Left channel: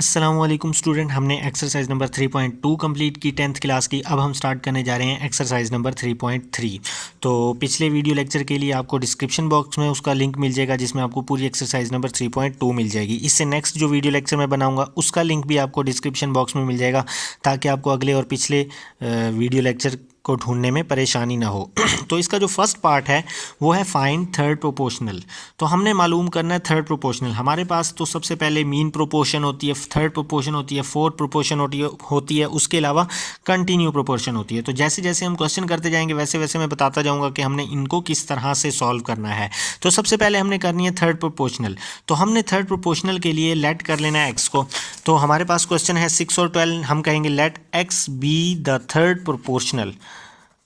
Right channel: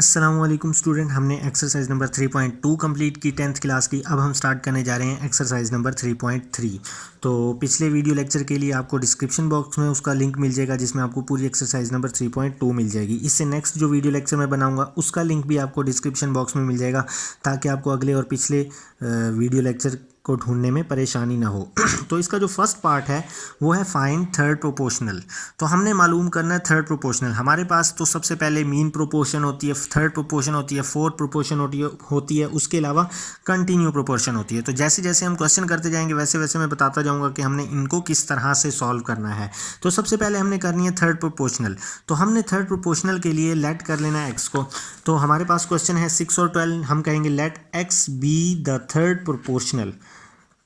अस्सलामुअलैकुम स्टूडेंट, हमने exercise number 3.2 complete की 10th क्लास की। अब हम स्टार्ट करने जा रहे हैं एक्सरसाइज नंबर 3.3। तो पिछले वीडियो लेक्चर के लिए आपको डिस्क्रिप्शन बॉक्स में उसका लिंक मिल जाएगा, जिसमें आपको पूरी एक्सरसाइज नंबर 3.2 मिल जाएगी। इससे नेक्स्ट जो वीडियो लेक्चर मैं बनाऊंगा उसका लिंक भी आपको डिस्क्रिप्शन बॉक्स में मिल जाएगा, ताकि आपको अगले और पिछले वीडियो लेक्चर को ढूंढने में परेशानी ना हो। तो इसका जो फर्स्ट पार्ट है वो है फाइंड थर्ड प्रोपोर्शनल। तो हमने मालूम करना है थर्ड प्रोपोर्शनल। हमारे पास तो सबसे पहले मीन प्रोपोर्शन होती है, थर्ड प्रोपोर्शन होती है, फोर्थ प्रोपोर्शन होती है, उसके अलावा कंटिन्यू प्रोपोर्शन होती है। तो जैसे जैसे हम क्वेश्चन करते जाएंगे वैसे वैसे मैं बताता जाऊंगा कि हमने इनको किस तरह से सॉल्व करना है। तो सबसे पहले हमने करनी है थर्ड प्रोपोर्शनल। तो हमने थर्ड प्रोपोर्शनल के लिए लेट कर लेना है एक्स को। तो हमारे पास क्वेश्चन है 6 और 12, हम कहेंगे let x be the third proportional.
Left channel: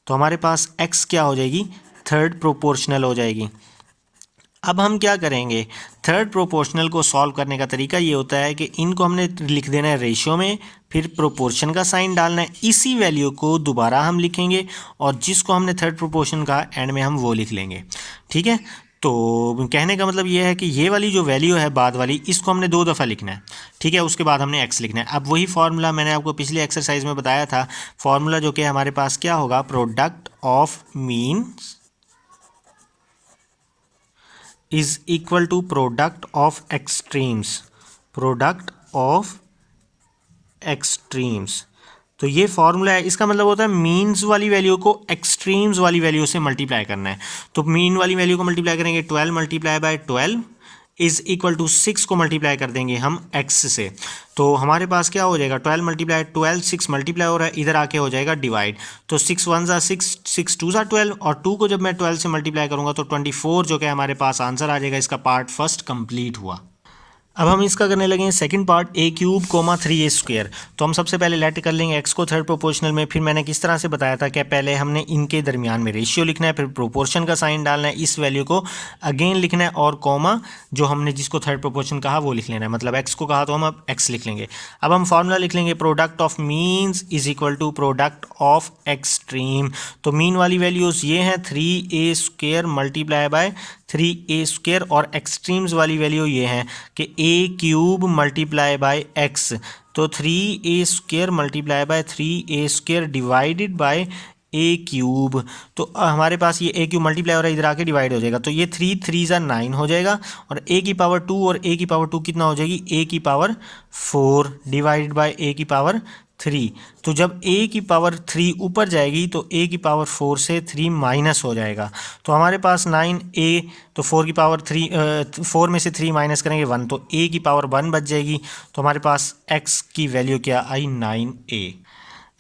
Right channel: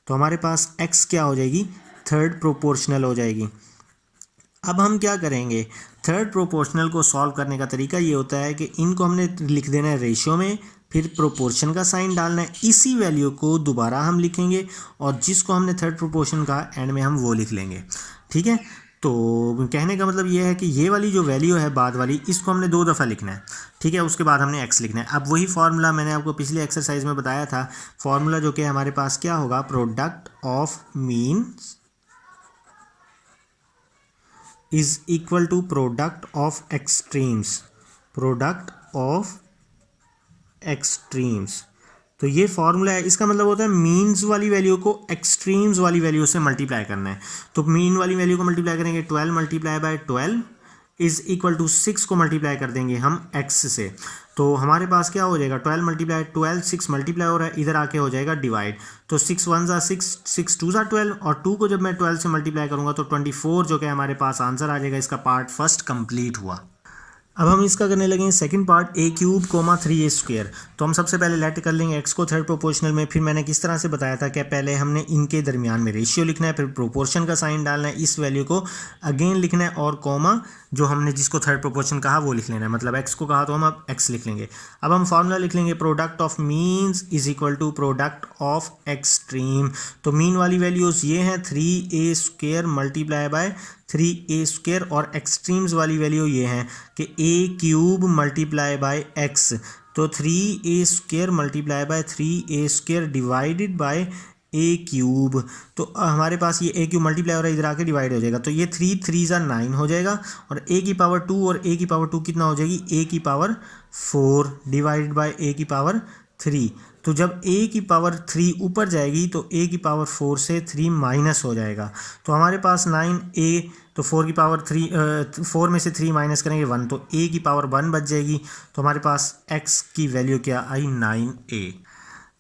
तो हमारे पास x क्या हो जाएगी, थर्ड प्रोपोर्शनल हो जाएगी। अब हम क्या करेंगे, थर्ड प्रोपोर्शनल को सॉल्व करने का तरीका ये होता है कि इनको हमने लिख देना है रेशियो में, फिर प्रोपोर्शन का साइन डालना है, इसी वैल्यू को दोबारा हम लिखेंगे और जिसको हमने थर्ड प्रोपोर्शन का एंड में हम वो लिख लेंगे। ठीक है, तो कहने का मतलब ये है कि ये वाली जो वैल्यू है बाद वाली, इसको हमने 2 दफ़ा लिखना है। ठीक है, उसके बाद हमने x लिखना है। अब वही फार्मूला मैंने आपको पिछले एक्सरसाइज में बताया था, फार्मूला जो कि हमारे पास क्या होगा, product of mean is equal to product of extremes. Product of extremes, तो ये फॉर्मूला है। इसका मतलब होता है मीन्स वाली वैल्यू को एक्सट्रीम्स वाली वैल्यू से मल्टीप्लाई करना है। तो मीन वाली वैल्यू को मल्टीप्लाई करेंगे 12 multiply by 12 is equal to 6 को मल्टीप्लाई कर देंगे हम x से। तो हमारे पास क्या हो जाएगा, 12 मल्टीप्लाई 12, 6 मल्टीप्लाई हो रहा है, इधर आके हो जाएगा डिवाइड। तो 6 1 ज़ा 6, 6 2 ज़ा 12, और 2 को जब मैं 12 से मल्टीप्लाई करूँगा तो 24 जो कि हमारे पास आंसर आ जाएगा। इसका पार्ट फर्स्ट कंप्लीट हुआ। अब हम इसका करने लगे सेकंड पार्ट, a³ 3a²। तो हम सबसे पहले लेट कर लेंगे x को थर्ड प्रोपोर्शनल में। फिर मैंने किस तरह से बताया था कि पहले हमने इनके दरमियान में रेशियो लिखना है, फिर प्रोपोर्शन का साइन डालना है, इस वैल्यू को अगेन लिखना है, और कॉमा जो हमने जिसको थर्ड प्रोपोर्शन कहा वो लिख लेना है। मतलब x को कहा तो हम अब x लिख लेंगे। अब हम फार्मूला लिख लेंगे, product of means is equal to product of extreme. तो मीन वाली वैल्यूज़ ये हैं 3a² मल्टीप्लाई बाय 3a², और एक्सट्रीम्स वाली वैल्यू ये हैं कि a³ मल्टीप्लाई बाय x। तो 3a² multiply by 3a² divided by a³। तो हमारे पास ये a³ मल्टीप्लाई हो रहा है, इधर आके डिवाइड हो जाएगा। तो ये 3 3 ज़ा 9 हो जाएगा, और a की पावर 2 और a की पावर 2 कितना हो जाएगी, a की पावर 4 डिवाइडेड बाय a की पावर 3। तो जब a की पावर 3 ऊपर जाएगी तो a की पावर 4 से 3 माइनस हो जाएगा। तो हमारे पास 9a, तो 4 की पावर 3, 4 में से 3 माइनस करेंगे 1, तो a की पावर 1 बच जाएगी। तो हमारे पास x की वैल्यू क्या आई, 9a।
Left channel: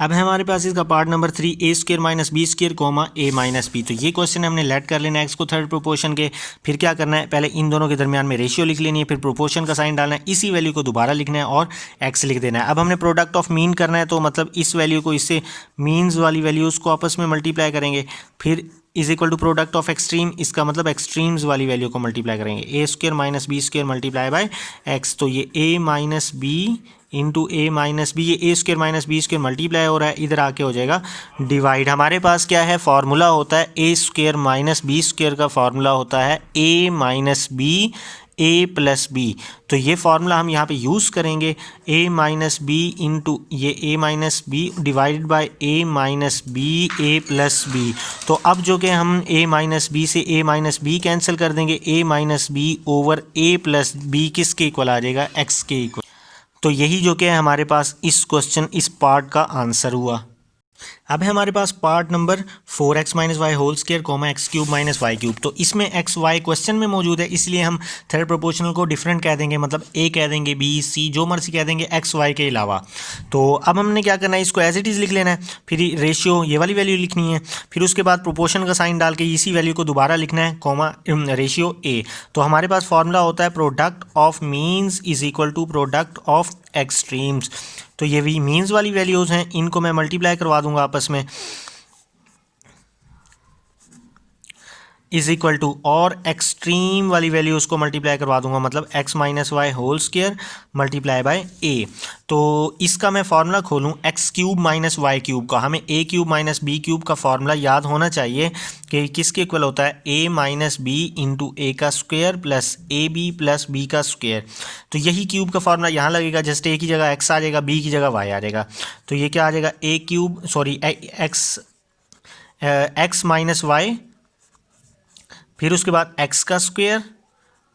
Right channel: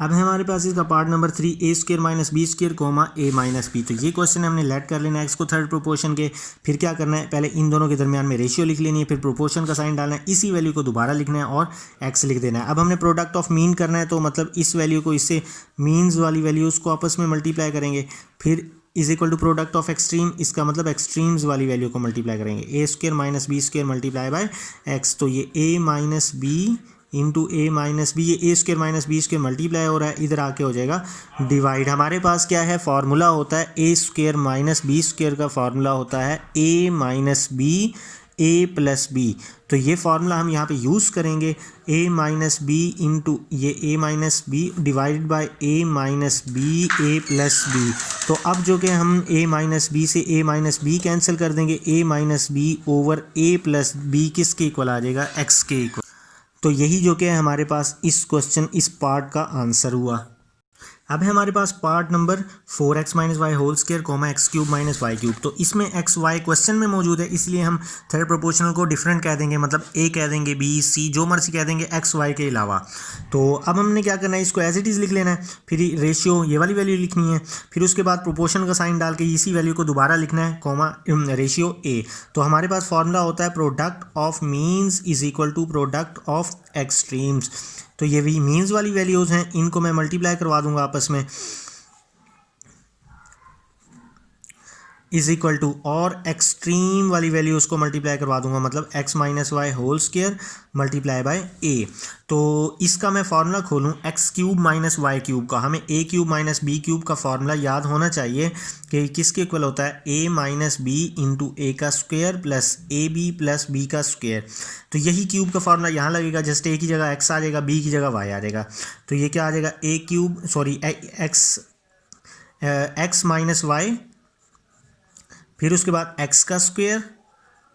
अब है हमारे पास इसका part number 3, a² minus b² comma a minus b। तो ये क्वेश्चन हमने लेट कर लेना है x को थर्ड प्रोपोर्शन के। फिर क्या करना है, पहले इन दोनों के दरमियान में रेशियो लिख लेनी है, फिर प्रोपोर्शन का साइन डालना है, इसी वैल्यू को दोबारा लिखना है और x लिख देना है। अब हमने प्रोडक्ट ऑफ मीन करना है, तो मतलब इस वैल्यू को इससे मीन्स वाली वैल्यूज़ को आपस में मल्टीप्लाई करेंगे, फिर is equal to product of extreme, इसका मतलब एक्सट्रीम्स वाली वैल्यू को मल्टीप्लाई करेंगे, a² minus b² multiply by x। तो ये a minus b into A minus b, ये a² माइनस b² मल्टीप्लाई हो रहा है, इधर आके हो जाएगा डिवाइड। हमारे पास क्या है, फार्मूला होता है a² माइनस b² का फार्मूला होता है a minus b a plus B. तो ये फार्मूला हम यहाँ पे यूज़ करेंगे, a माइनस बी इंटू ये a minus b divided by a minus b a plus B. तो अब जो कि हम a माइनस बी से a माइनस बी कैंसिल कर देंगे, a minus b over a plus b किसके इक्वल आ जाएगा, x के इक्वल। तो यही जो कि हमारे पास इस क्वेश्चन इस पार्ट का आंसर हुआ। अब है हमारे पास part number 4x minus y whole square comma x³ minus y³। तो इसमें x y क्वेश्चन में मौजूद है, इसलिए हम थर्ड प्रोपोर्शनल को डिफरेंट कह देंगे, मतलब a कह देंगे, b c जो मर्जी कह देंगे x y के अलावा। तो अब हमने क्या करना है, इसको एज इट इज़ लिख लेना है, फिर रेशियो ये वाली वैल्यू लिखनी है, फिर उसके बाद प्रोपोर्शन का साइन डाल के इसी वैल्यू को दोबारा लिखना है, कॉमा रेशियो a। तो हमारे पास फॉर्मूला होता है product of means is equal to product of extremes. तो ये भी मीन्स वाली वैल्यूज़ हैं, इनको मैं मल्टीप्लाई करवा दूंगा आपस में। इज इक्वल टू, और एक्सट्रीम वाली वैल्यू उसको मल्टीप्लाई करवा दूंगा, मतलब x minus y whole square multiply by a। तो इसका मैं फार्मूला खोलूँ x cube minus y cube का, हमें a cube minus b cube का फार्मूला याद होना चाहिए कि किसके इक्वल होता है, a minus b into a का square plus a b plus b का स्क्वायर। तो यही क्यूब का फार्मूला यहाँ लगेगा, जस्ट a की जगह x आ जाएगा, b की जगह y आ जाएगा। तो ये क्या आ जाएगा, a cube sorry x minus y, फिर उसके बाद x का square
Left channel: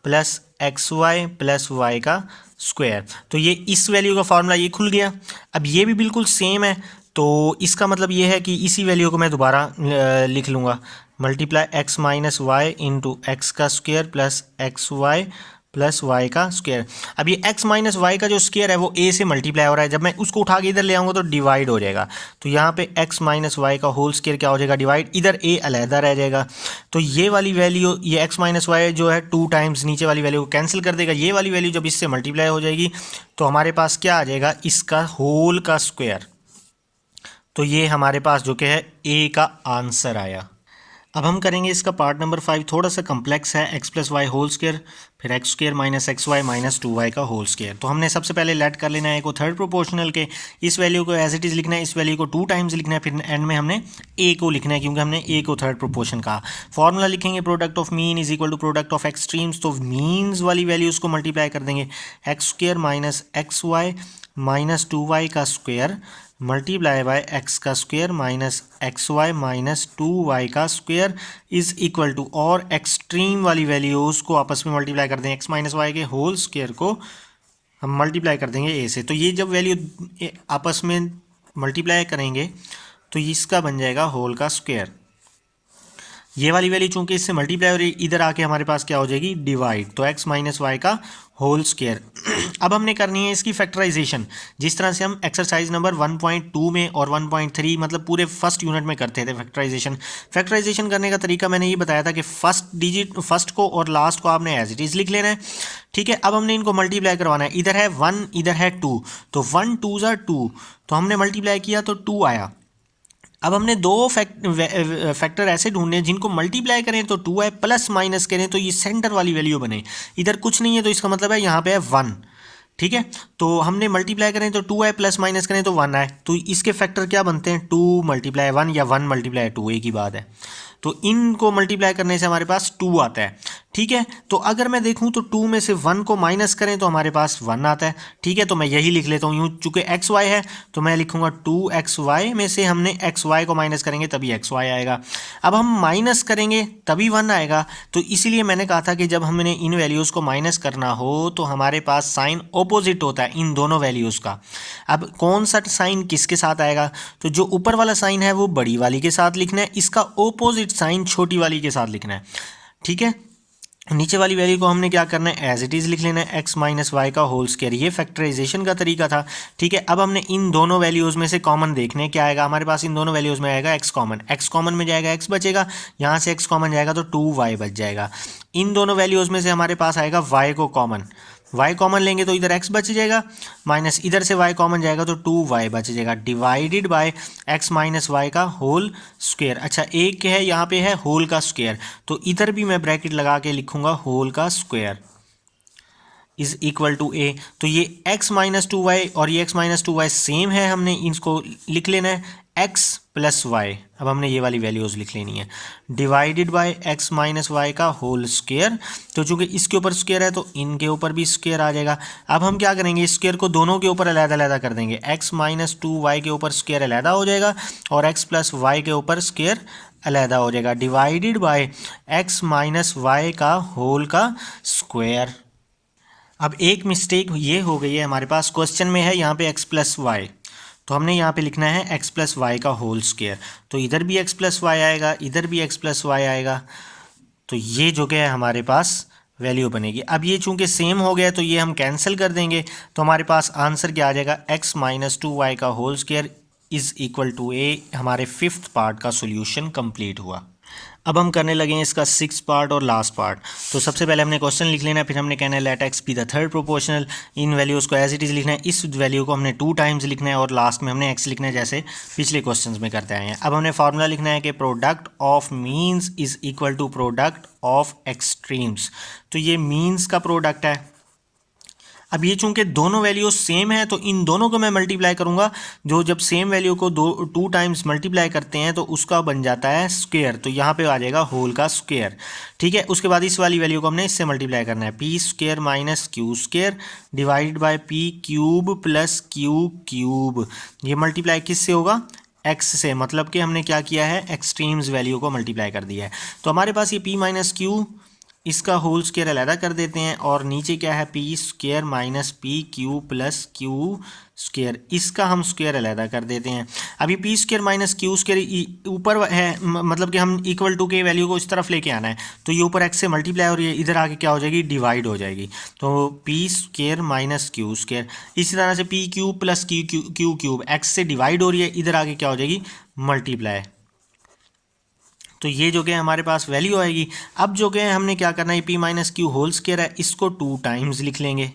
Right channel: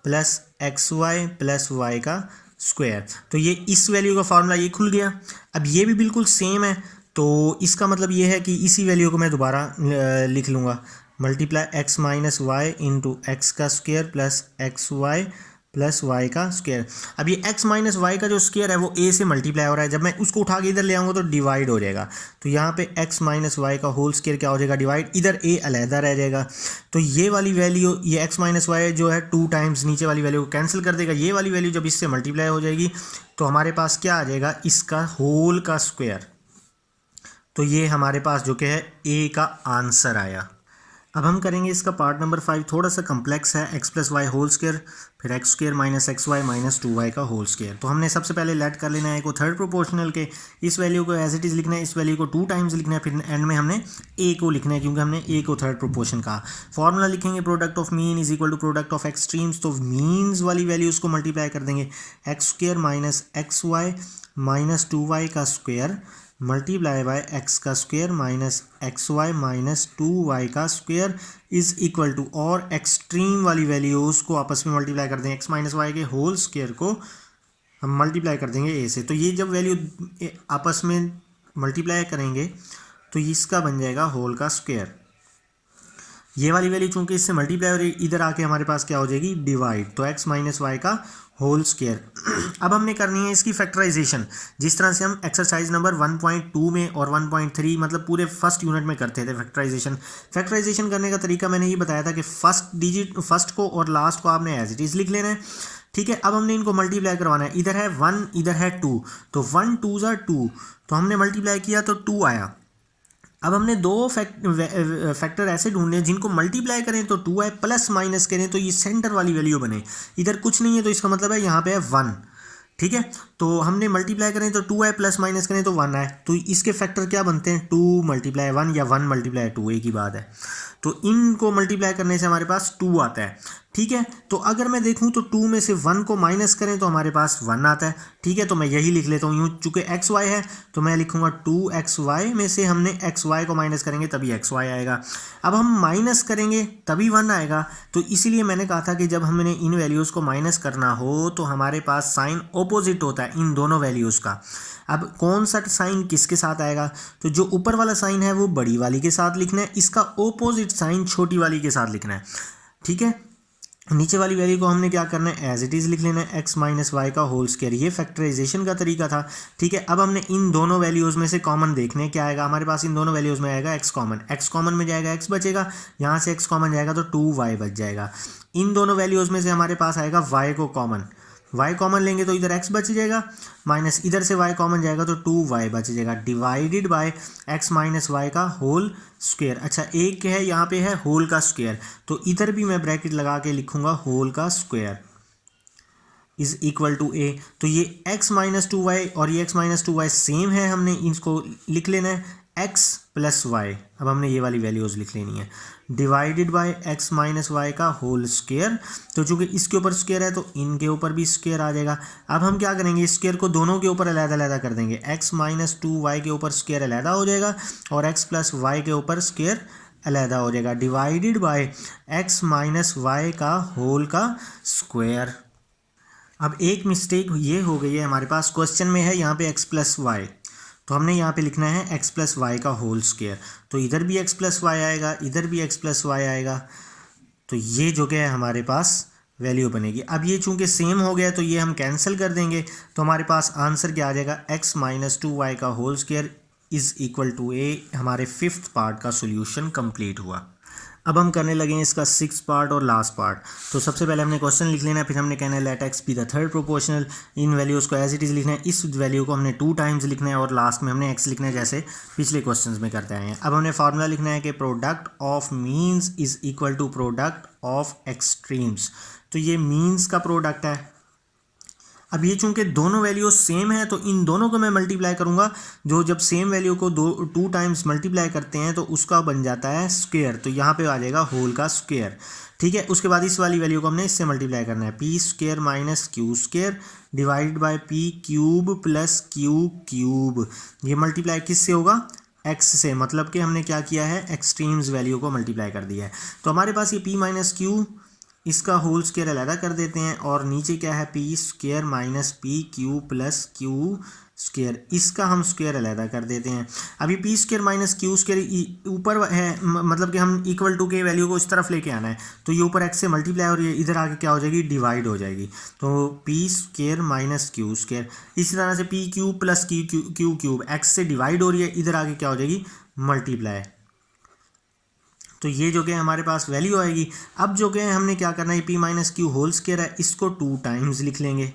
plus x y plus y का स्क्वायर। तो ये इस वैल्यू का फार्मूला ये खुल गया। अब ये भी बिल्कुल सेम है, तो इसका मतलब ये है कि इसी वैल्यू को मैं दोबारा लिख लूँगा, multiply x minus y into x का square plus x y plus y का स्क्वायर। अब ये x माइनस वाई का जो स्क्वायर है वो a से मल्टीप्लाई हो रहा है, जब मैं उसको उठा के इधर ले आऊँगा तो डिवाइड हो जाएगा। तो यहाँ पे x माइनस वाई का होल स्क्वायर क्या हो जाएगा, डिवाइड, इधर a अलहदा रह जाएगा। तो ये वाली वैल्यू, ये x माइनस वाई जो है 2 टाइम्स नीचे वाली वैल्यू को कैंसिल कर देगा, ये वाली वैल्यू जब इससे मल्टीप्लाई हो जाएगी तो हमारे पास क्या आ जाएगा, इसका होल का स्क्वायर। तो ये हमारे पास जो कि है a का आंसर आया। अब हम करेंगे इसका पार्ट नंबर 5, थोड़ा सा कम्प्लेक्स है, x plus y whole square फिर x square minus x y minus 2y का होल स्क्वायर। तो हमने सबसे पहले लेट कर लेना है को थर्ड प्रोपोर्शनल के, इस वैल्यू को एज इट इज़ लिखना है, इस वैल्यू को 2 टाइम्स लिखना है, फिर एंड में हमने a को लिखना है क्योंकि हमने a को थर्ड प्रोपोर्शन कहा। फॉर्मूला लिखेंगे product of mean is equal to product of extremes, तो मीन्स वाली वैल्यूज़ को मल्टीप्लाई कर देंगे, x square minus x y minus 2y का स्क्वायर मल्टीप्लाई बाय एक्स का square minus x y minus 2y का स्क्वायर इज इक्वल टू, और extreme वाली वैल्यूज़ को आपस में मल्टीप्लाई कर देंगे, एक्स माइनस वाई के होल स्क्वायर को हम मल्टीप्लाई कर देंगे a से। तो ये जब वैल्यू आपस में मल्टीप्लाई करेंगे तो इसका बन जाएगा होल का स्क्वायर। ये वाली वैल्यू चूंकि इससे मल्टीप्लाई हो रही, इधर आके हमारे पास क्या हो जाएगी, डिवाइड, तो x माइनस वाई का होल स्क्वायर। अब हमने करनी है इसकी फैक्टराइजेशन, जिस तरह से हम एक्सरसाइज नंबर 1.2 में और 1.3 मतलब पूरे फर्स्ट यूनिट में करते थे फैक्टराइजेशन। फैक्टराइजेशन करने का तरीका मैंने ये बताया था कि फर्स्ट को और लास्ट को आपने एज इट इज़ लिख लेना है, ठीक है। अब हमने इनको मल्टीप्लाई करवाना है, इधर है 1 इधर है 2, तो 1 2 ज़ा 2, तो हमने मल्टीप्लाई किया तो 2 आया। अब हमने दो फैक्टर ऐसे ढूंढने जिनको मल्टीप्लाई करें तो 2 आए, प्लस माइनस करें तो ये सेंटर वाली वैल्यू बने। इधर कुछ नहीं है तो इसका मतलब है यहाँ पे है 1, ठीक है। तो हमने मल्टीप्लाई करें तो 2 आए, प्लस माइनस करें तो 1 आए, तो इसके फैक्टर क्या बनते हैं, 2 मल्टीप्लाई 1 या 1 मल्टीप्लाई 2, एक ही बात है। तो इनको मल्टीप्लाई करने से हमारे पास 2 आता है, ठीक है। तो अगर मैं देखूं तो 2 में से 1 को माइनस करें तो हमारे पास 1 आता है, ठीक है। तो मैं यही लिख लेता हूँ यूँ, चूँकि एक्स वाई है तो मैं लिखूँगा 2xy में से हमने एक्स वाई को माइनस करेंगे तभी एक्स वाई आएगा। अब हम माइनस करेंगे तभी 1 आएगा, तो इसीलिए मैंने कहा था कि जब हमने इन वैल्यूज़ को माइनस करना हो तो हमारे पास साइन ऑपोजिट होता है इन दोनों वैल्यूज़ का। अब कौन सा साइन किसके साथ आएगा, तो जो ऊपर वाला साइन है वो बड़ी वाली के साथ लिखना है, इसका ऑपोजिट साइन छोटी वाली के साथ लिखना है, ठीक है। नीचे वाली वैल्यू को हमने क्या करना है, एज इट इज़ लिख लेना है, एक्स माइनस वाई का होल स्क्वायर। ये फैक्टराइजेशन का तरीका था, ठीक है। अब हमने इन दोनों वैल्यूज़ में से कॉमन देखने क्या आएगा हमारे पास, इन दोनों वैल्यूज़ में आएगा एक्स कॉमन में जाएगा एक्स बचेगा, यहाँ से एक्स कॉमन जाएगा तो 2y बच जाएगा। इन दोनों वैल्यूज़ में से हमारे पास आएगा y को कॉमन, y कॉमन लेंगे तो इधर x बच जाएगा, माइनस इधर से y कॉमन जाएगा तो 2y बच जाएगा, divided by x minus y का होल स्क्वायर। अच्छा एक है यहाँ पे है होल का स्क्वायर, तो इधर भी मैं ब्रैकेट लगा के लिखूँगा होल का square is equal to a। तो ये x माइनस 2y और ये x माइनस 2y सेम है, हमने इसको लिख लेना है x प्लस वाई। अब हमने ये वाली वैल्यूज़ लिख लेनी है, divided by x minus y का होल स्क्वायर। तो चूँकि इसके ऊपर स्क्वायर है तो इनके ऊपर भी स्क्वायर आ जाएगा। अब हम क्या करेंगे, स्क्वायर को दोनों के ऊपर अलग-अलग कर देंगे, x माइनस 2y के ऊपर स्क्वायर अलग हो जाएगा और x प्लस वाई के ऊपर स्क्वायर अलग हो जाएगा, divided by x minus y का होल का स्क्वायर। अब एक मिस्टेक ये हो गई है हमारे पास, क्वेश्चन में है यहाँ पे x प्लस वाई, तो हमने यहाँ पे लिखना है x प्लस वाई का होल स्क्वायर। तो इधर भी x प्लस वाई आएगा, इधर भी x प्लस वाई आएगा, तो ये जो कि है हमारे पास वैल्यू बनेगी। अब ये चूंकि सेम हो गया तो ये हम कैंसिल कर देंगे, तो हमारे पास आंसर क्या आ जाएगा, x माइनस 2y का whole square is equal to a। हमारे 5th पार्ट का सोल्यूशन कंप्लीट हुआ। अब हम करने लगे हैं इसका 6th पार्ट और लास्ट पार्ट। तो सबसे पहले हमने क्वेश्चन लिख लेना है, फिर हमने कहना है let x be the third proportional, इन वैल्यूज़ को एज इट इज़ लिखना है, इस वैल्यू को हमने 2 टाइम्स लिखना है और लास्ट में हमने एक्स लिखना है जैसे पिछले क्वेश्चन में करते आए हैं। अब हमने फार्मूला लिखना है कि product of means is equal to product of extremes. तो ये मीन्स का प्रोडक्ट है। अब ये चूंकि दोनों वैल्यू सेम है तो इन दोनों को मैं मल्टीप्लाई करूंगा, जो जब सेम वैल्यू को 2 टाइम्स मल्टीप्लाई करते हैं तो उसका बन जाता है स्क्वायर, तो यहाँ पे आ जाएगा होल का स्क्वायर। ठीक है, उसके बाद इस वाली वैल्यू को हमने इससे मल्टीप्लाई करना है, p square minus q square divided by P cube plus q cube. ये मल्टीप्लाई किससे होगा? एक्स से, मतलब कि हमने क्या किया है, एक्सट्रीम्स वैल्यू को मल्टीप्लाई कर दिया है। तो हमारे पास ये पी माइनस क्यू, इसका होल स्क्वायर अलहदा कर देते हैं और नीचे क्या है, p square minus P Q plus Q square, इसका हम स्क्वायर अलहदा कर देते हैं। अभी P square minus q square ऊपर है, मतलब कि हम इक्वल टू के वैल्यू को इस तरफ लेके आना है, तो ये ऊपर एक्स से मल्टीप्लाई और ये इधर आके क्या हो जाएगी, डिवाइड हो जाएगी। तो p square minus q square, इसी तरह से P cube plus q cube x से डिवाइड हो रही है, इधर आके क्या हो जाएगी, मल्टीप्लाई। तो ये जो कि हमारे पास वैल्यू आएगी। अब जो कि हमने क्या करना है, p minus q whole square है, इसको 2 टाइम्स लिख लेंगे।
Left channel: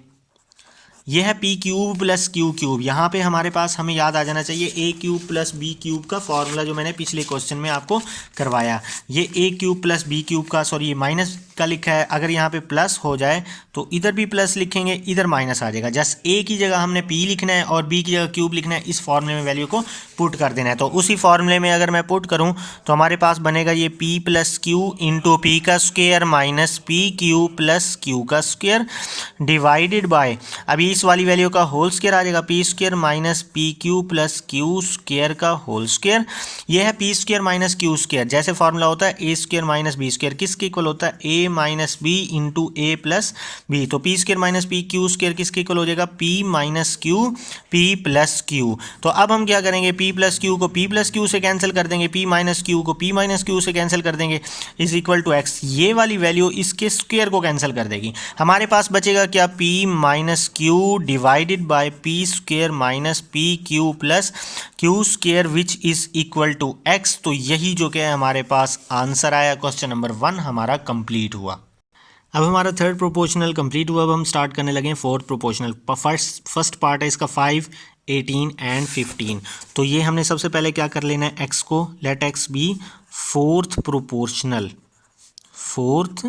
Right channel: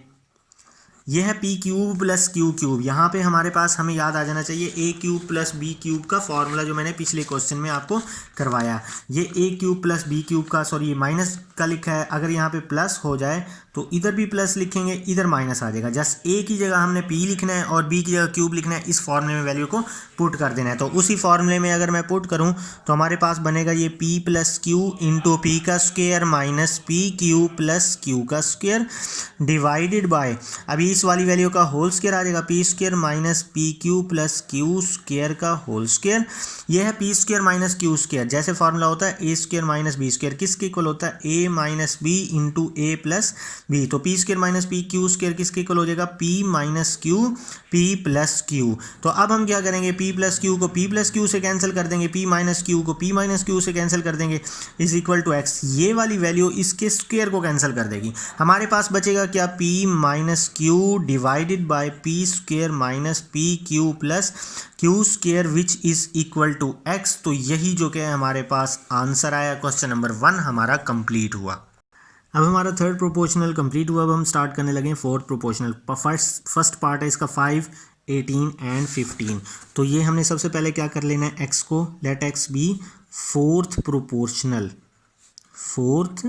ये है p cube plus q cube, यहाँ पे हमारे पास हमें याद आ जाना चाहिए a cube plus b cube का फॉर्मूला जो मैंने पिछले क्वेश्चन में आपको करवाया। ये a cube plus b cube का, सॉरी ये माइनस का लिखा है, अगर यहाँ पे प्लस हो जाए तो इधर भी प्लस लिखेंगे, इधर माइनस आ जाएगा। जस्ट ए की जगह हमने पी लिखना है और बी की जगह क्यूब लिखना है, इस फॉर्मूले में वैल्यू को पुट कर देना है। तो उसी फॉर्मूले में अगर मैं पुट करूँ तो हमारे पास बनेगा ये p plus Q into P का square minus P Q plus Q का स्क्वायर डिवाइडेड बाय, अभी इस वाली वैल्यू का होल स्क्वायर आ जाएगा, p square minus P Q plus Q square का होल स्क्वायर। ये है p square minus q square, जैसे फॉर्मूला होता है ए स्क्वायर माइनस बी स्क्वायर, किसके इक्वल होता है, a minus b into a plus B. तो p square minus P Q square किसके इक्वल हो जाएगा, P minus Q P plus Q. तो अब हम क्या करेंगे, पी प्लस क्यू को पी प्लस क्यू से कैंसिल कर देंगे, पी माइनस क्यू को पी माइनस क्यू से कैंसिल कर देंगे, इज इक्वल टू एक्स। ये वाली वैल्यू इसके स्क्वायर को कैंसिल कर देगी, हमारे पास बचेगा क्या, p minus q divided by p square minus P Q plus Q square which is equal to x. तो यही जो कि हमारे पास आंसर आया, क्वेश्चन नंबर 1 हमारा कंप्लीट हुआ। अब हमारा थर्ड प्रोपोर्शनल कंप्लीट हुआ। अब हम स्टार्ट करने लगे फोर्थ प्रोपोर्शनल। फर्स्ट पार्ट है इसका 5, 18 एंड 15। तो ये हमने सबसे पहले क्या कर लेना है, एक्स को let x be fourth proportional, fourth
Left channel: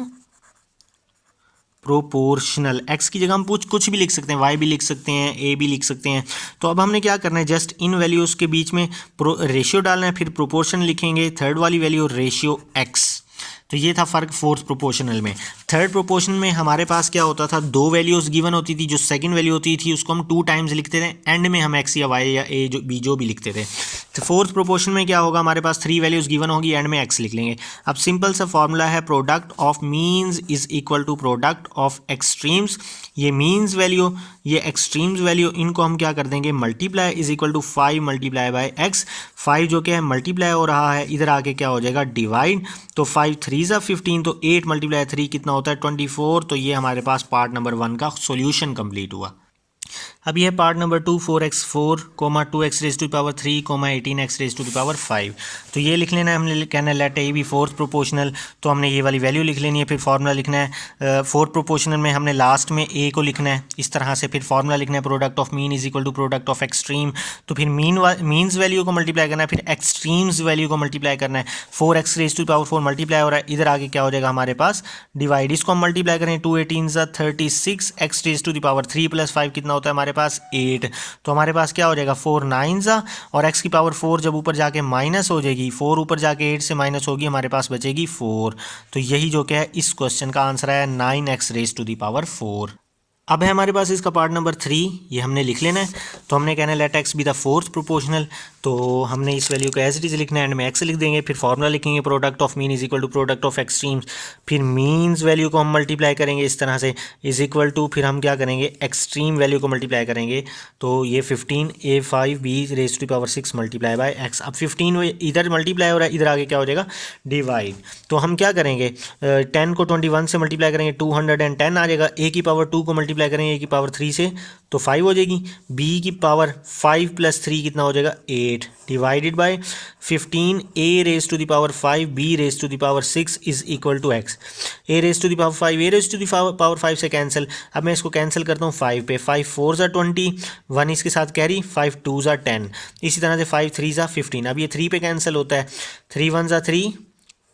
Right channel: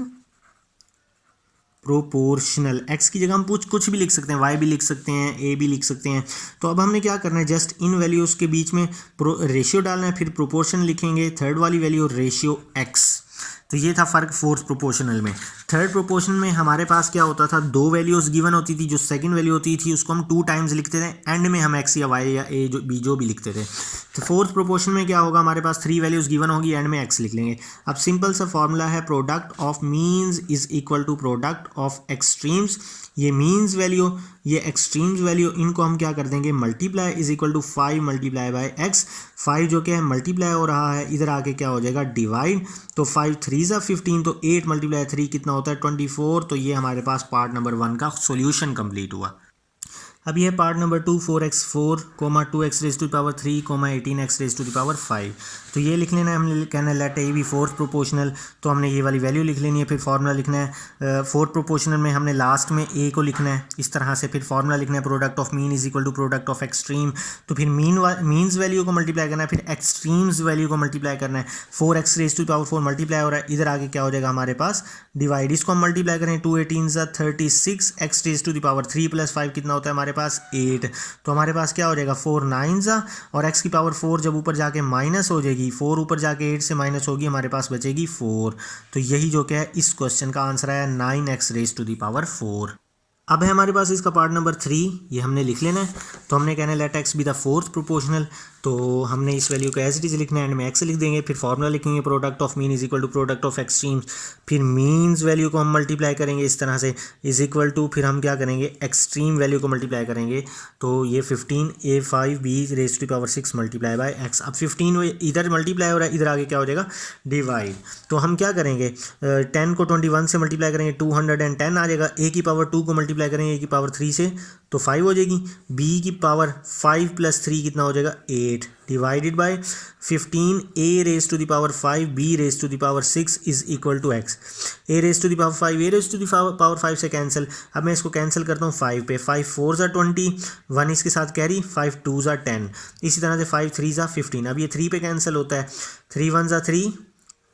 proportional. X की जगह हम कुछ भी लिख सकते हैं, वाई भी लिख सकते हैं, ए भी लिख सकते हैं। तो अब हमने क्या करना है, जस्ट इन वैल्यूज़ के बीच में रेशियो डालना है, फिर प्रोपोर्शन लिखेंगे, थर्ड वाली वैल्यू रेशियो एक्स। तो ये था फ़र्क फोर्थ प्रोपोर्शनल में। थर्ड प्रोपोर्शन में हमारे पास क्या होता था, 2 वैल्यूज़ गिवन होती थी, जो सेकंड वैल्यू होती थी उसको हम 2 टाइम्स लिखते थे, एंड में हम एक्स या वाई या ए जो भी लिखते थे। तो फोर्थ प्रोपोर्शन में क्या होगा, हमारे पास 3 वैल्यूज़ गिवन होगी, एंड में एक्स लिख लेंगे। अब सिंपल सा फॉर्मूला है, product of means is equal to product of extremes. ये मीन्स वैल्यू, ये एक्सट्रीम्स वैल्यू, इनको हम क्या कर देंगे, multiply is equal to 5 multiply by x. 5 जो क्या है मल्टीप्लाई हो रहा है, इधर आके क्या हो जाएगा, डिवाइड। तो 5 3 ज़ा 15, तो 8 मल्टीप्लाई 3 कितना होता है, 24। तो ये हमारे पास पार्ट नंबर 1 का सॉल्यूशन कंप्लीट हुआ। अब ये part number 2, 4x4, 2x raise to the power 3, 18x raise to the power 5। तो ये लिख लेना है, हमने कहना है let a b fourth proportional. तो हमने ये वाली वैल्यू लिख लेनी है, फिर फार्मूला लिखना है। फोर्थ प्रोपोर्शनल में हमने लास्ट में ए को लिखना है इस तरह से, फिर फार्मूला लिखना है product of mean is equal to product of extreme. तो फिर मीन्स वैल्यू को मल्टीप्लाई करना है, फिर एक्सट्रीम्स वैल्यू को मल्टीप्लाई करना है। 4x raise to the power 4 multiply हो रहा है, इधर आगे क्या हो जाएगा हमारे पास, डिवाइड। इसको हम मल्टीप्लाई करें, 2 18 ज़ा 36, x raise to the power 3 plus 5 कितना होता है हमारे पास, 8। तो हमारे पास क्या हो जाएगा, 4 9 ज़ा, और x की पावर 4 जब ऊपर जाके माइनस हो जाएगी, 4 ऊपर जाके 8 से माइनस होगी, हमारे पास बचेगी 4। तो यही जो क्या है इस क्वेश्चन का आंसर है 9x raise to the power 4। अब है हमारे पास इसका पार्ट नंबर 3, ये हमने लिख लेना है। तो हमने कहना है let x be the fourth proportional. तो हमने इस वैल्यू को एज इट इज़ लिखना है, एंड में एक्स लिख देंगे, फिर फार्मूला लिखेंगे product of mean is equal to product of extremes. फिर मीन्स वैल्यू को हम मल्टीप्लाई करेंगे इस तरह से, इज इक्वल टू, फिर हम क्या करेंगे, एक्सट्रीम वैल्यू को मल्टीप्लाई करेंगे। तो ये 15 a5 b raise to the power 6 multiply by x. अब 15 इधर मल्टीप्लाई हो रहा है, इधर आगे क्या हो जाएगा, डिवाइड। तो हम क्या करेंगे, 10 को 21 से मल्टीप्लाई करेंगे, 210 आ जाएगा। a की पावर 2 को मल्टीप्लाई मल्टीप्लाई करेंगे a की पावर 3 से तो 5 हो जाएगी, b की पावर 5 + 3 कितना हो जाएगा 8 divided by 15 a raise to the power 5 b raise to the power 6 is equal to x। a raise to the power 5 a raise to the power 5 से कैंसिल, अब मैं इसको कैंसिल करता हूँ 5 पे, 5 4 ज़ा 20, 1 इसके साथ कैरी, 5 2 ज़ा 10, इसी तरह से 5 3 ज़ा 15। अब ये 3 पे कैंसिल होता है, 3 1 ज़ा 3,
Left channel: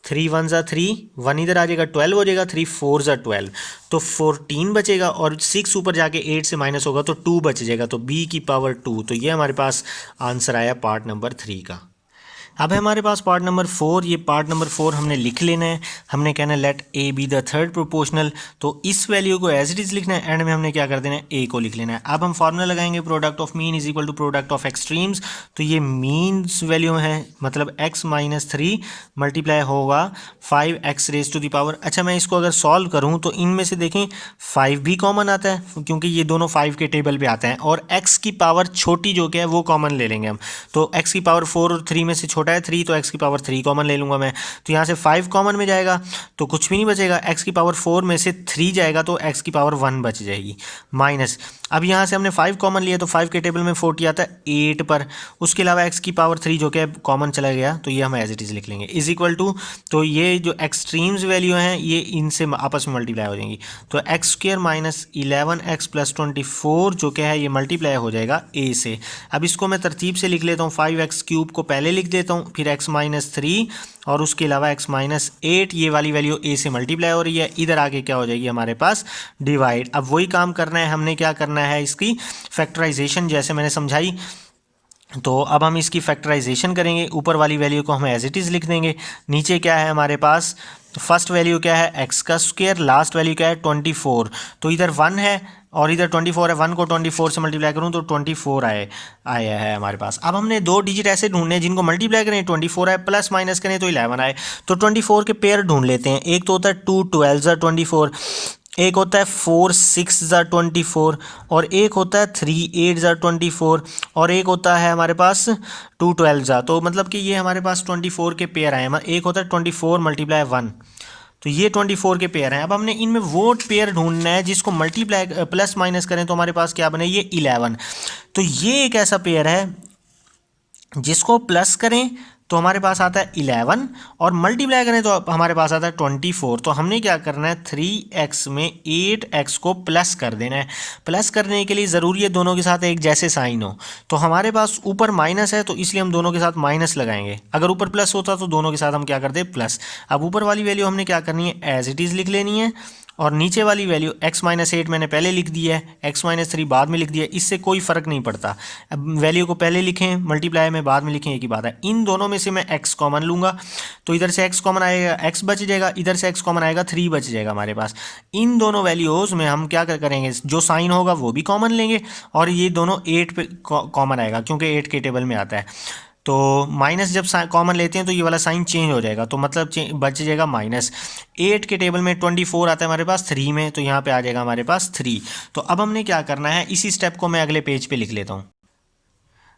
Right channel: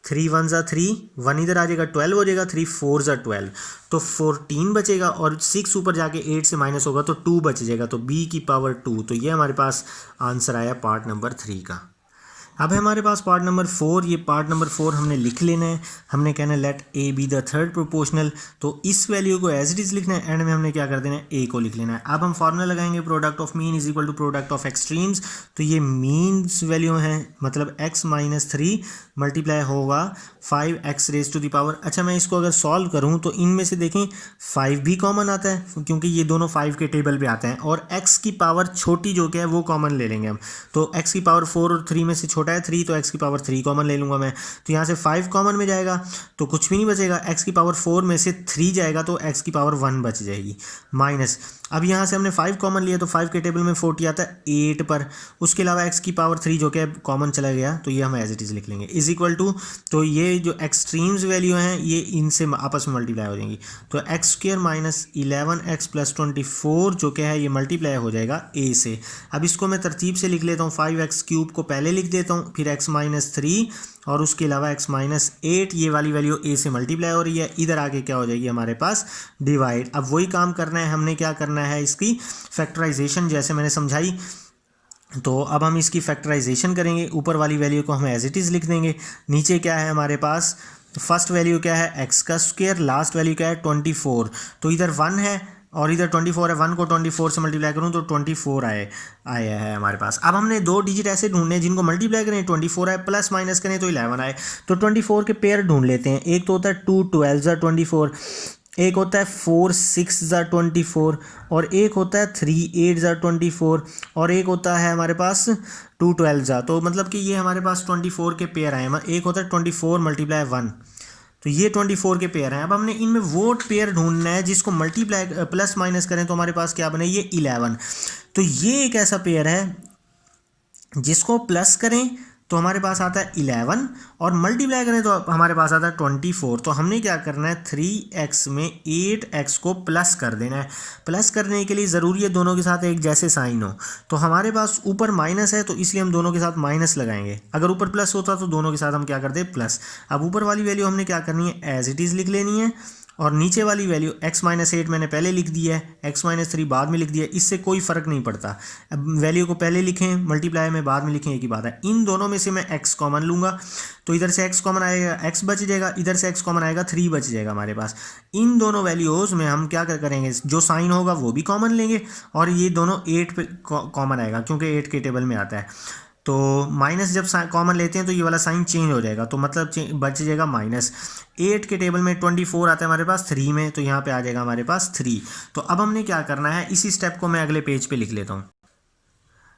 3 1 ज़ा 3, 1 इधर आ जाएगा 12 हो जाएगा, 3 4 ज़ा 12 तो 14 बचेगा और 6 ऊपर जाके 8 से माइनस होगा तो 2 बच जाएगा, तो b की पावर 2। तो ये हमारे पास आंसर आया पार्ट नंबर 3 का। अब है हमारे पास पार्ट नंबर 4। ये पार्ट नंबर 4 हमने लिख लेना है, हमने कहना है let a be the third proportional, तो इस वैल्यू को एज इट इज़ लिखना है, एंड में हमने क्या कर देना है a को लिख लेना है। अब हम फार्मूला लगाएंगे product of mean is equal to product of extremes, तो ये मीन्स वैल्यू है मतलब x - 3 मल्टीप्लाई होगा 5x raise to the power. अच्छा मैं इसको अगर सॉल्व करूँ तो इनमें से देखें 5 भी कॉमन आता है क्योंकि ये दोनों 5 के टेबल पे आते हैं, और x की पावर छोटी जो कि है वो कॉमन ले लेंगे हम, तो x की पावर 4 और 3 में से छोटा है 3, तो x की पावर 3 कॉमन ले लूँगा मैं, तो यहाँ से 5 कॉमन में जाएगा तो कुछ भी नहीं बचेगा, x की पावर 4 में से 3 जाएगा तो x की पावर 1 बच जाएगी, माइनस अब यहाँ से हमने 5 कॉमन लिया तो 5 के टेबल में 40 आता है 8 पर, उसके अलावा x की पावर 3 जो कि कॉमन चला गया तो ये हम एज इट इज़ लिख लेंगे इज इक्वल टू, तो ये जो एक्सट्रीम्स वैल्यू हैं ये इनसे आपस में मल्टीप्लाई हो जाएंगी, तो x² - 11x + 24 जो कि है ये मल्टीप्लाई हो जाएगा a से। अब इसको मैं तरतीब से लिख लेता हूँ, 5x³ को पहले लिख देता हूँ, फिर x - 3 और उसके अलावा x - 8, ये वाली वैल्यू a से मल्टीप्लाई हो रही है, इधर आके क्या हो जाएगी हमारे पास डिवाइड। अब वही काम करना है, हमने क्या करना है इसकी फैक्टराइजेशन जैसे मैंने समझाई, तो अब हम इसकी फैक्टराइजेशन करेंगे, ऊपर वाली वैल्यू को हम एज इट इज़ लिख देंगे, नीचे क्या है हमारे पास फर्स्ट वैल्यू क्या है x², लास्ट वैल्यू क्या है 24, तो इधर 1 है और इधर 24 है, 1 को 24 से मल्टीप्लाई करूँ तो 24 आया है हमारे पास। अब हमने 2 डिजिट ऐसे ढूंढने हैं जिनको मल्टीप्लाई करें 24 आए, प्लस माइनस करें तो 11 आए, तो 24 के पेयर ढूंढ लेते हैं। एक तो होता है 2 12 ज़ा 24, एक होता है 4 6 ज़ा 24, और एक होता है 3 8 ज़ा 24, और एक होता है हमारे पास 2 12 ज़ा, तो मतलब कि ये हमारे पास 24 के पेयर आए हैं। एक होता है 24 × 1, तो ये 24 के पेयर हैं। अब हमने इनमें वो पेयर ढूंढना है जिसको मल्टीप्लाई प्लस माइनस करें तो हमारे पास क्या बने, ये 11, तो ये एक ऐसा पेयर है जिसको प्लस करें तो हमारे पास आता है 11 और मल्टीप्लाई करें तो हमारे पास आता है 24। तो हमने क्या करना है 3x में 8x को प्लस कर देना है। प्लस करने के लिए ज़रूरी है दोनों के साथ एक जैसे साइन हो, तो हमारे पास ऊपर माइनस है तो इसलिए हम दोनों के साथ माइनस लगाएंगे, अगर ऊपर प्लस होता तो दोनों के साथ हम क्या करते हैं प्लस। अब ऊपर वाली वैल्यू हमने क्या करनी है एज इट इज़ लिख लेनी है, और नीचे वाली वैल्यू x - 8 मैंने पहले लिख दी है, x - 3 बाद में लिख दिया, इससे कोई फ़र्क नहीं पड़ता। अब वैल्यू को पहले लिखें मल्टीप्लाई में बाद में लिखें एक ही बात है। इन दोनों में से मैं x कॉमन लूँगा तो इधर से x कॉमन आएगा, x बच जाएगा, इधर से x कॉमन आएगा 3 बच जाएगा हमारे पास। इन दोनों वैल्यूज़ में हम क्या करेंगे, जो साइन होगा वो भी कॉमन लेंगे और ये दोनों 8 पे कॉमन आएगा क्योंकि 8 के टेबल में आता है। तो माइनस जब कॉमन लेते हैं तो ये वाला साइन चेंज हो जाएगा, तो मतलब बच जाएगा -8 के टेबल में 24 आता है हमारे पास 3 में, तो यहाँ पे आ जाएगा हमारे पास 3। तो अब हमने क्या करना है, इसी स्टेप को मैं अगले पेज पे लिख लेता हूँ।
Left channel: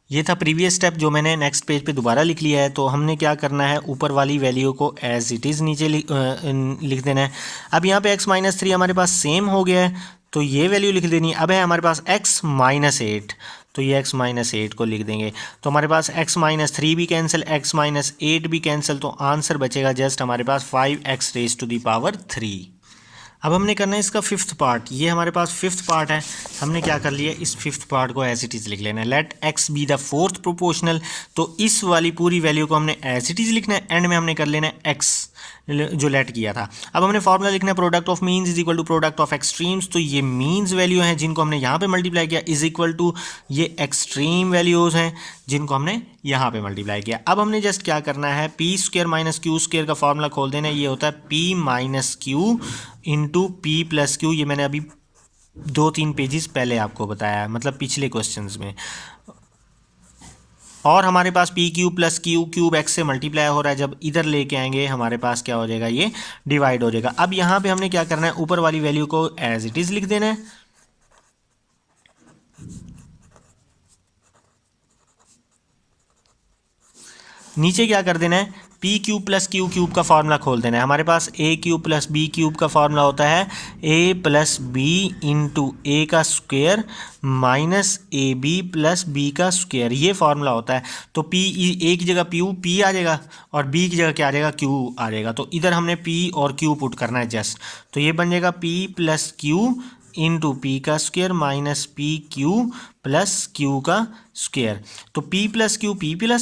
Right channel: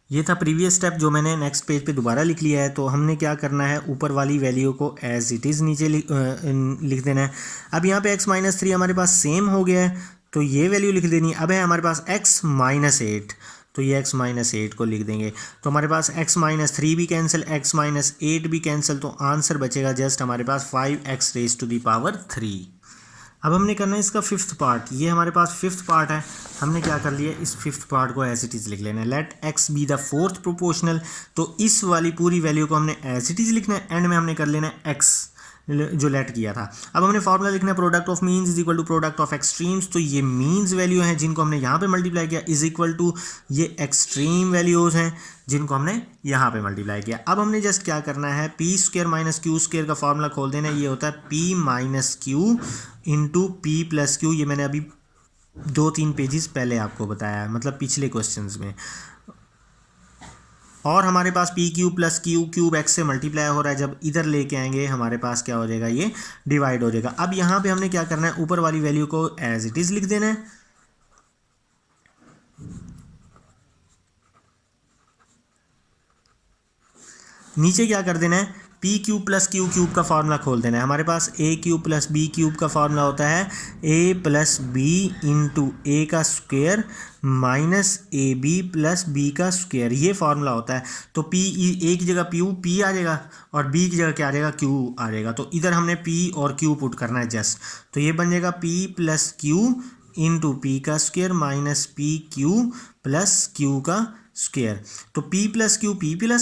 ये था प्रीवियस स्टेप जो मैंने नेक्स्ट पेज पे दोबारा लिख लिया है। तो हमने क्या करना है, ऊपर वाली वैल्यू को एज इट इज़ नीचे लिख देना है। अब यहाँ पे x - 3 हमारे पास सेम हो गया है तो ये वैल्यू लिख देनी है। अब है हमारे पास x - 8, तो ये x - 8 को लिख देंगे, तो हमारे पास x - 3 भी कैंसिल, x - 8 भी कैंसिल, तो आंसर बचेगा जस्ट हमारे पास 5x raise to the power 3। अब हमने करना है इसका फिफ्थ पार्ट, ये हमारे पास फिफ्थ पार्ट है। हमने क्या कर लिया, इस फिफ्थ पार्ट को एज इट इज़ लिख लेना है, let x be the fourth proportional. तो इस वाली पूरी वैल्यू को हमने एज इट इज़ लिखना है, एंड में हमने कर लेना है x जो लेट किया था। अब हमने फॉर्मूला लिखना है product of means is equal to product of extremes. तो ये मीन्स वैल्यू हैं जिनको हमने यहाँ पे मल्टीप्लाई किया इज इक्वल टू ये एक्सट्रीम वैल्यूज़ हैं जिनको हमने यहाँ पे मल्टीप्लाई किया। अब हमने जस्ट क्या करना है, p² - q² का फॉर्मूला खोल देना है। ये होता है p - q into p + q। ये मैंने अभी 2-3 पेजेस पहले आपको बताया, मतलब पिछले क्वेश्चंस में। और हमारे पास PQ + Q³ x से मल्टीप्लाई हो रहा है, जब इधर लेके आएंगे हमारे पास क्या हो जाएगा, ये डिवाइड हो जाएगा। अब यहाँ पे हमने क्या करना है, ऊपर वाली वैल्यू को एज इट इज़ लिख देना है, नीचे क्या कर देना है p cube plus q cube का फार्मूला खोल देना है। हमारे पास a cube plus b cube का फार्मूला होता है a plus b into a का square minus a b plus b का स्क्वायर, ये फार्मूला होता है। तो पी, ए की जगह पी आ जाएगा और बी की जगह क्या आ जाएगा, क्यू आ जाएगा। तो इधर हमने पी और क्यू पुट करना है जस्ट, तो ये बन जाएगा p plus Q into P का square minus P Q plus Q का स्क्वायर। तो पी प्लस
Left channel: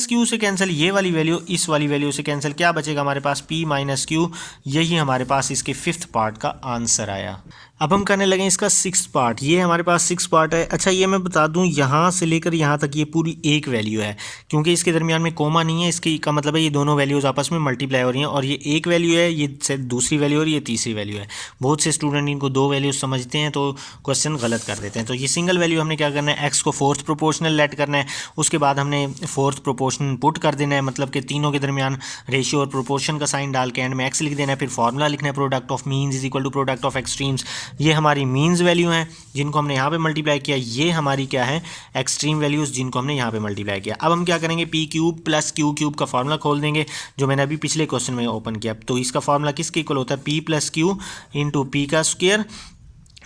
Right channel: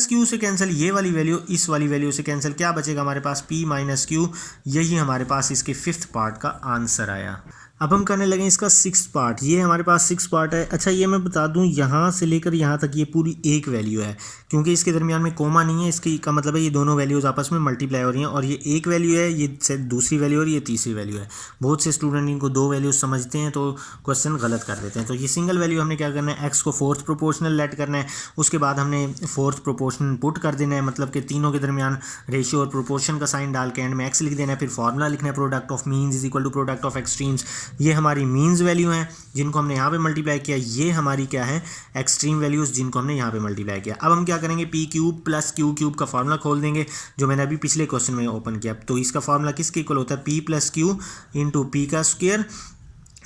क्यू से कैंसिल, ये वाली वैल्यू इस वाली वैल्यू से कैंसिल, क्या बचेगा हमारे पास पी माइनस क्यू। यही हमारे पास इसके 5th पार्ट का आंसर आया। अब हम करने लगे इसका 6th पार्ट। ये हमारे पास 6 पार्ट है। अच्छा ये मैं बता दूं, यहाँ से लेकर यहाँ तक ये पूरी एक वैल्यू है, क्योंकि इसके दरमियान में कोमा नहीं है। इसकी का मतलब है ये दोनों वैल्यूज़ आपस में मल्टीप्लाई हो रही हैं, और ये एक वैल्यू है, ये दूसरी वैल्यू और ये तीसरी वैल्यू है। बहुत से स्टूडेंट इनको दो वैल्यूज समझते हैं तो क्वेश्चन गलत कर देते हैं। तो ये सिंगल वैल्यू हमने क्या करना है, एक्स को 4th प्रोपोर्शनल लेट करना है, उसके बाद हमने 4th प्रोपोर्शनल पुट कर देना है, मतलब कि तीनों के दरमियान रेशियो और प्रोपोर्शन का साइन डाल के एंड में एक्स लिख देना है। फिर फार्मूला लिखना है product of means is equal to product of extremes. ये हमारी मीन्स वैल्यू हैं जिनको हमने यहाँ पे मल्टीप्लाई किया, ये हमारी क्या है, एक्सट्रीम वैल्यूज़ जिनको हमने यहाँ पे मल्टीप्लाई किया। अब हम क्या करेंगे, P cube plus q cube का फार्मूला खोल देंगे, जो मैंने अभी पिछले क्वेश्चन में ओपन किया। तो इसका फार्मूला किसके इक्वल होता है, P plus Q into P का square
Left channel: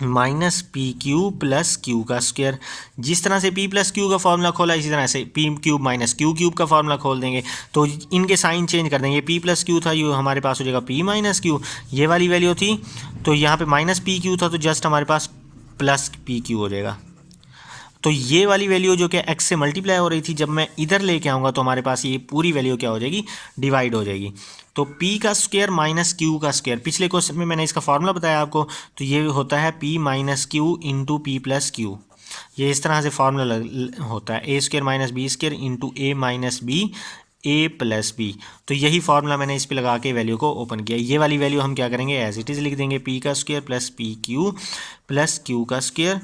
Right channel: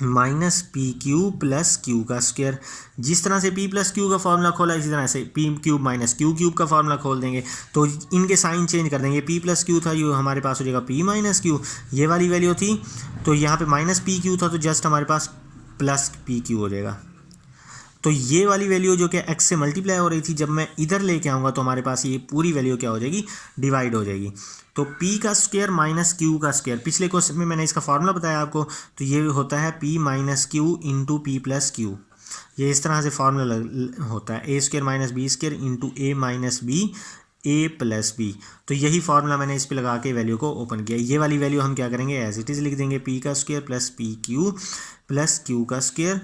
minus P Q plus Q का स्क्वायर। जिस तरह से पी प्लस क्यू का फार्मूला खोला, इसी तरह से P cube minus Q cube का फार्मूला खोल देंगे। तो इनके साइन चेंज कर देंगे, पी प्लस क्यू था, ये हमारे पास हो जाएगा पी माइनस क्यू, ये वाली वैल्यू थी तो यहाँ पे माइनस पी क्यू था, तो जस्ट हमारे पास प्लस पी क्यू हो जाएगा। तो ये वाली वैल्यू जो कि x से मल्टीप्लाई हो रही थी, जब मैं इधर लेके आऊँगा तो हमारे पास ये पूरी वैल्यू क्या हो जाएगी, डिवाइड हो जाएगी। तो p का स्क्वायर माइनस क्यू का स्क्वायर, पिछले क्वेश्चन में मैंने इसका फार्मूला बताया आपको, तो ये होता है p minus Q into P plus Q. ये इस तरह से फार्मूला होता है, ए square minus B square into A minus B A plus B. तो यही फार्मूला मैंने इस पे लगा के वैल्यू को ओपन किया। ये वाली वैल्यू हम क्या करेंगे, एज इट इज़ लिख देंगे, p का square plus P Q plus Q का square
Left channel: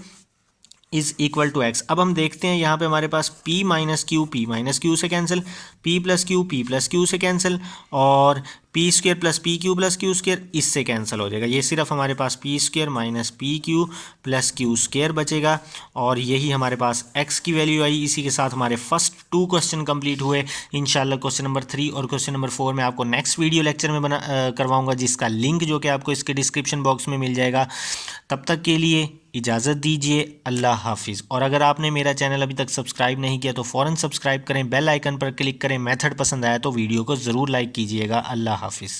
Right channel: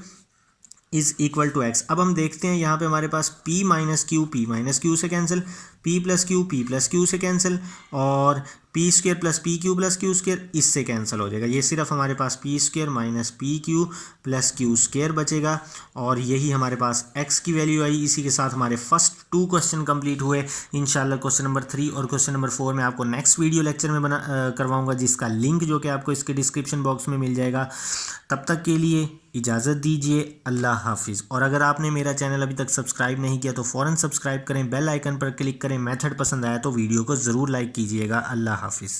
is equal to X. अब हम देखते हैं यहाँ पे हमारे पास p माइनस क्यू से कैंसिल, p प्लस क्यू से कैंसिल, और P square plus Q square इससे कैंसिल हो जाएगा। ये सिर्फ हमारे पास P square minus P Q plus Q square बचेगा, और यही हमारे पास x की वैल्यू आई। इसी के साथ हमारे फर्स्ट 2 क्वेश्चन कंप्लीट हुए। इंशाल्लाह क्वेश्चन नंबर 3 और क्वेश्चन नंबर 4 मैं आपको नेक्स्ट वीडियो लेक्चर में करवाऊँगा, जिसका लिंक जो कि आपको इसके डिस्क्रिप्शन बॉक्स में मिल जाएगा। तब तक के लिए इजाज़त दीजिए, अल्लाह हाफिज़। और अगर आपने मेरा चैनल अभी तक सब्सक्राइब नहीं किया तो फ़ौरन सब्सक्राइब करें, बेल आइकन पर क्लिक करें। मेथड पसंद आया तो वीडियो को ज़रूर लाइक कीजिएगा। अल्लाह हाफिज़।